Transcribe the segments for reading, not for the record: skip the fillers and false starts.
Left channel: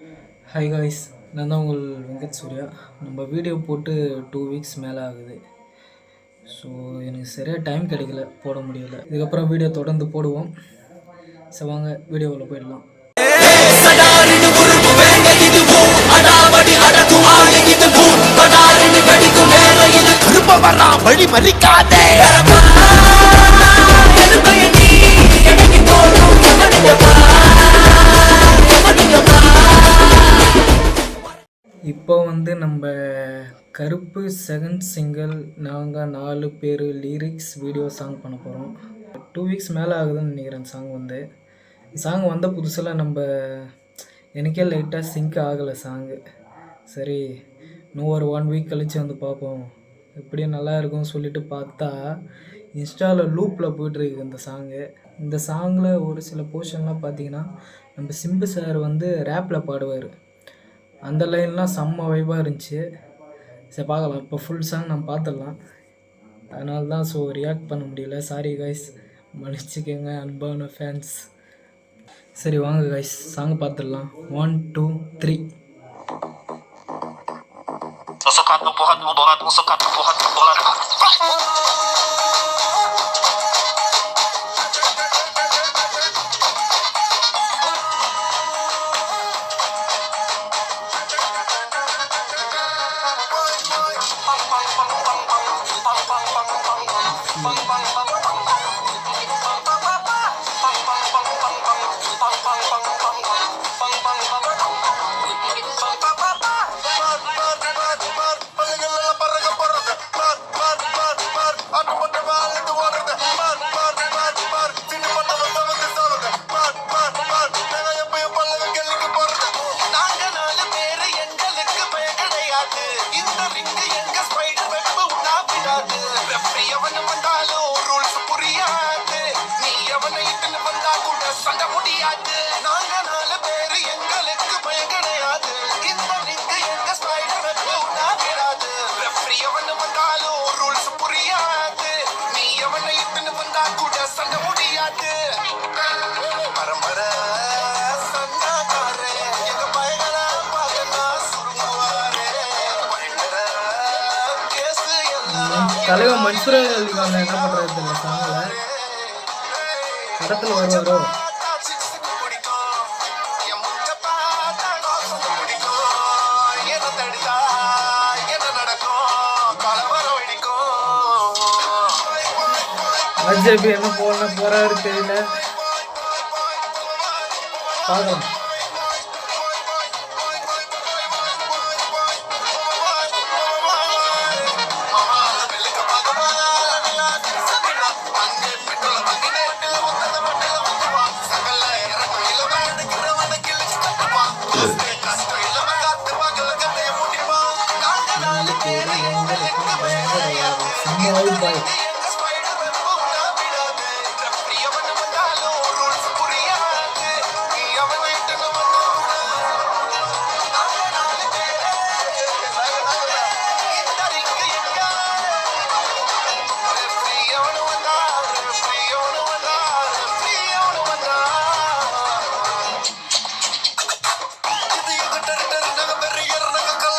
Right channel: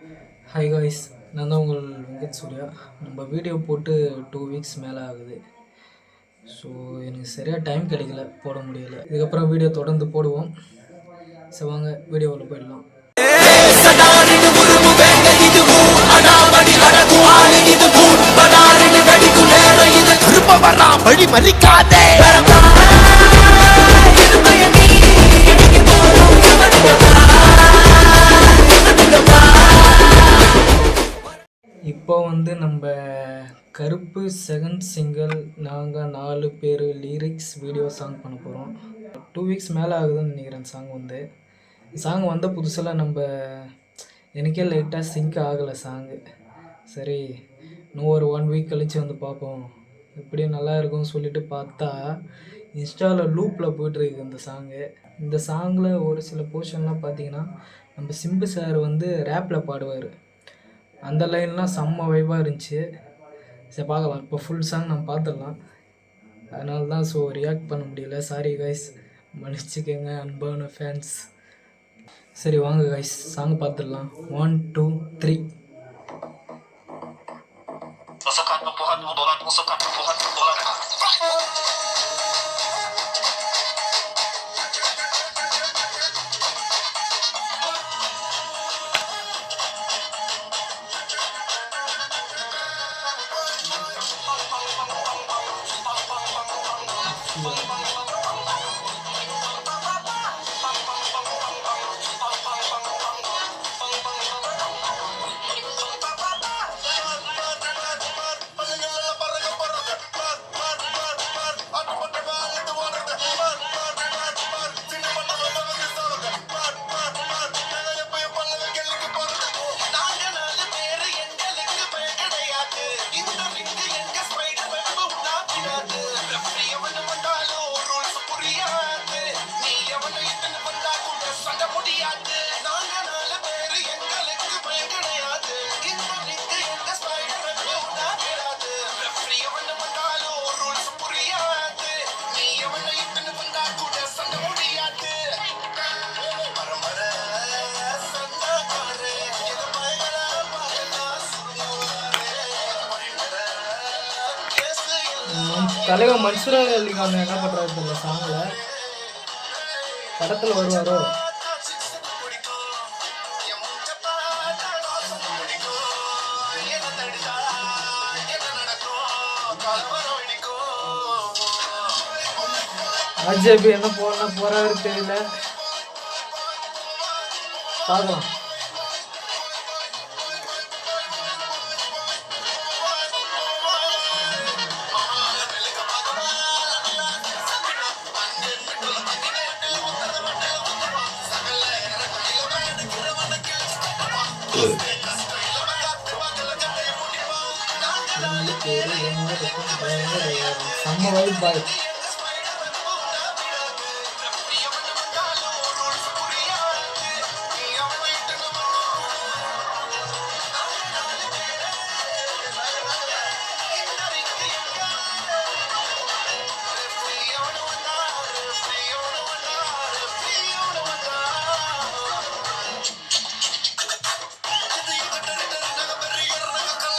Hi guys, நான் தான் உங்கள் வெங்கட் சூர்யா. நம்ம வீடியோ போட்டு 2 வீக்ஸ் மேலே ஆகுது. ஸோ எனக்கு சரியாக டைம் கிடைக்கல, போட முடியல. இதுக்கப்புறம் வீடியோ தொடர்ந்து போடுவோம். சரி வாங்க வீடியோவில் போயிடலாம். வழி மறிக்காதே. இப்போ நம்ம கருப்பு செகண்ட் சிங்கிள் நாங்கள் 4 பேர் லிரிக்ஸ் வீடியோ சாங் பண்ண போகிறோம். 2 வீக்ஸ் மேலே ஆகுதுன்னு நினைக்கிறேன். சாங் வந்த புதுசில் எனக்கே லைட்டாக சிங்க் ஆகலை சாங்கு. சரி இன்னும் ஒரு 1 வீக் கழித்து பார்ப்போம், எப்படியும் நல்லா இருக்கும்னு சொல்லிட்டு பார்த்தா இன்ஸ்டாவில் லூப்பில் போய்ட்டுருக்கு இந்த சாங்கில் ஒரு சில போர்ஷன்லாம் பார்த்தீங்கன்னா நம்ம சிம்பு சார் ரேப்பில் பாடுவார். அந்த லைன்லாம் செம்ம வைப்பாக இருந்துச்சு. சரி பார்க்கலாம், இப்போ ஃபுல் சாங் நம்ம பார்த்துடலாம். அதனால தான் ரியாக்ட் பண்ண முடியல. சாரி கைஸ், மன்னிச்சிக்கங்க அன்பான ஃபேன்ஸ். சரி வாங்க கைஸ், சாங் பார்த்துடலாம். 1 2 3. தலைவர் மன்சூர் அலிகான் என்ன பண்ணுறாரு தெரியல. சாங்கில் படத்தில் வருவாரோ? ஆர்ஜேபி என்ன போறாரு தெரியல, பார்க்கலாம். செம்ம வைப் பாய்.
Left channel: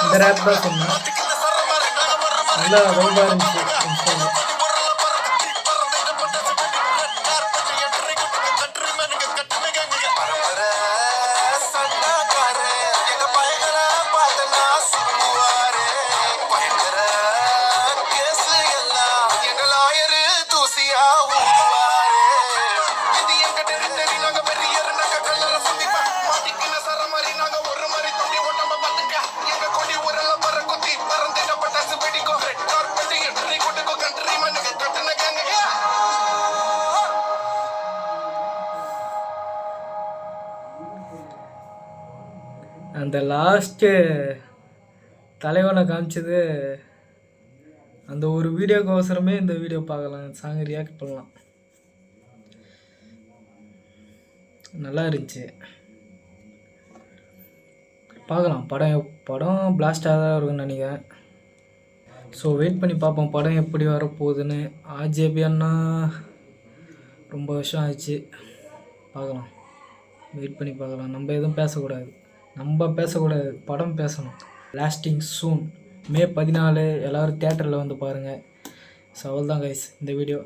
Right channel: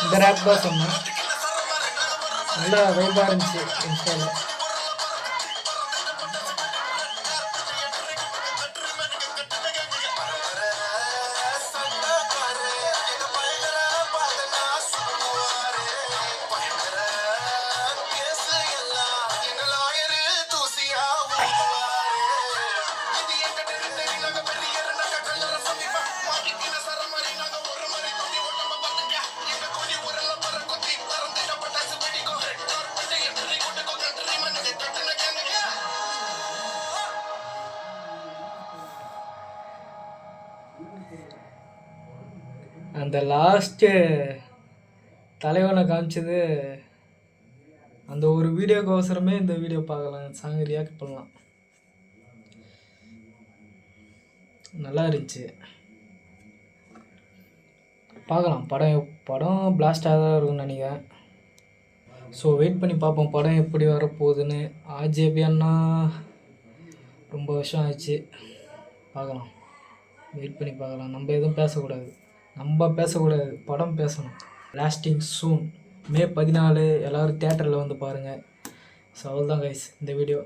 இந்த ரேப் தான் சொன்னேன், நல்லா வைபாக இருந்துச்சு இன்ஸ்டாவில். அந்த லாஸ்ட்டு தலைவனை காமிச்சது அந்த ஒரு வீடியோக்கோசரமே இந்த வீடியோ பார்க்கலாம், சாங் ரியாக்ட் பண்ணலாம். நல்லா இருந்துச்சு, பார்க்கலாம். படம் பிளாஸ்டாக தான் இருக்குன்னு நினைக்கிறேன். ஸோ வெயிட் பண்ணி பார்ப்போம் படம் எப்படி வரப்போகுதுன்னு. ஆர்ஜேபி அண்ணா ரொம்ப வருஷம் ஆயிடுச்சு, பார்க்கலாம். வெயிட் பண்ணி பார்க்கலாம், நம்ம எதுவும் பேசக்கூடாது. நம்ம பேசக்கூடாது, படம் பேசணும். லாஸ்டிங் சூன் மே 14 எல்லோரும் தியேட்டரில் வந்து பாருங்கள். ஸோ அவ்வளோதான் கைஸ் இந்த வீடியோ.